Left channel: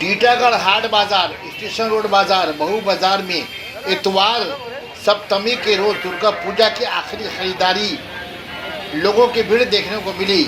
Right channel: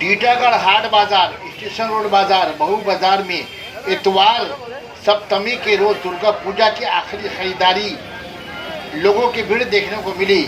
टीटागढ़ हाट बाजार, station road बाजार, महू बाजार में इतवार सप्तमी के रोज दुर्गा पूजा की आखिरी खरीदारी लोगों की भीड़ देखने को मिली।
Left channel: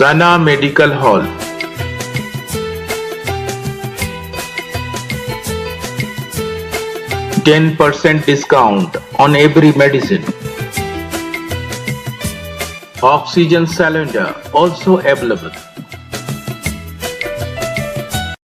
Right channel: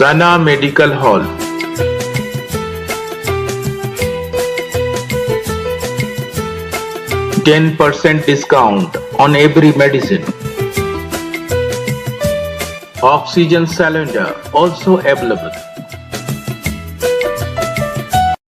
Sana Medical Hall. %10 discount on every medicine. Oxygen cylinder also available.